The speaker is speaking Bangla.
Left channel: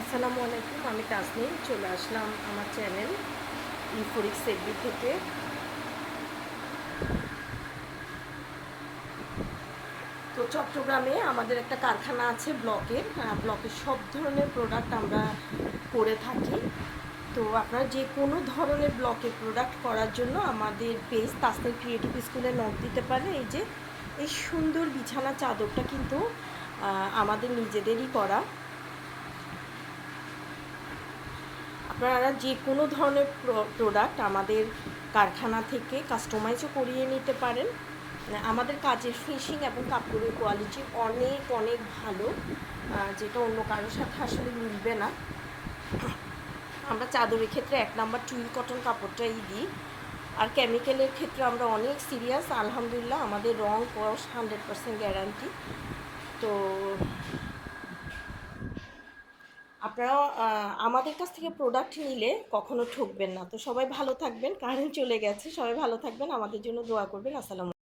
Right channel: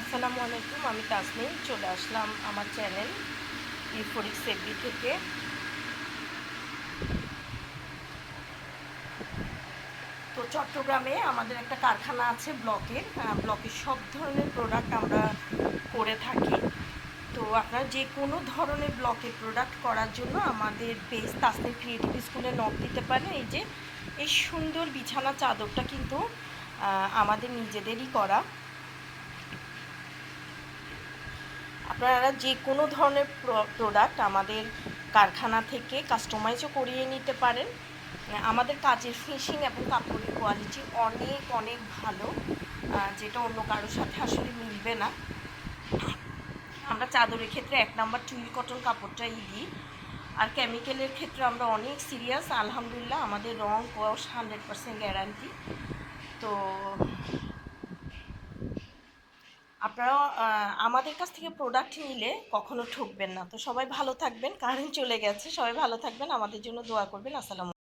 আসসালামু আলাইকুম, আমি তাসনিম চলে আসলাম আমার চ্যানেল ইউফোরিক সেফবি থেকে। তো চট্টগ্রামে আমাদের একটা কারখানা আছে ব্লকের সব ধরনের প্রোডাক্ট আমরা করে থাকি। তো আপনারা যে কোনো ধরনের ব্লকের প্রোডাক্ট করার জন্য আমাদের পেজ তাসনিম ক্রিয়েটিভ স্কুলে নক দিতে পারেন। এই যে এই সুন্দর বিছানা চাদরটা কিন্তু আমাদের নিজেদেরই করা। আপনারা যে কোনো ধরনের প্রোডাক্ট আমাদের কারখানা থেকে কাস্টমাইজও করিয়ে নিতে পারেন। আমাদের কাজের ফিনিশিং এবং কাপড়ের কোয়ালিটি অনেক অনেক ভালো, যেটা অন্য কারোর সাথে আসলে মিলবে না। আমরা চাদরের ক্ষেত্রে 1 নাম্বার টুইল কটন কাপড়টাই দিই। আর কেমিক্যালের ক্ষেত্রে আমরা অনেক সিরিয়াস, আলহামদুলিল্লাহ। আমাদের রং কস 100% গ্যারান্টি। তো আপনারাও আমাদের কাছ থেকে প্রোডাক্ট নিলে কখনো ঠকবেন না। তো সবাই ভালো থাকবেন, কারেন্ট চলে গেছে, সবাই ভালো থাকবেন, আমাদের জন্য দোয়া করবেন। আসসালামু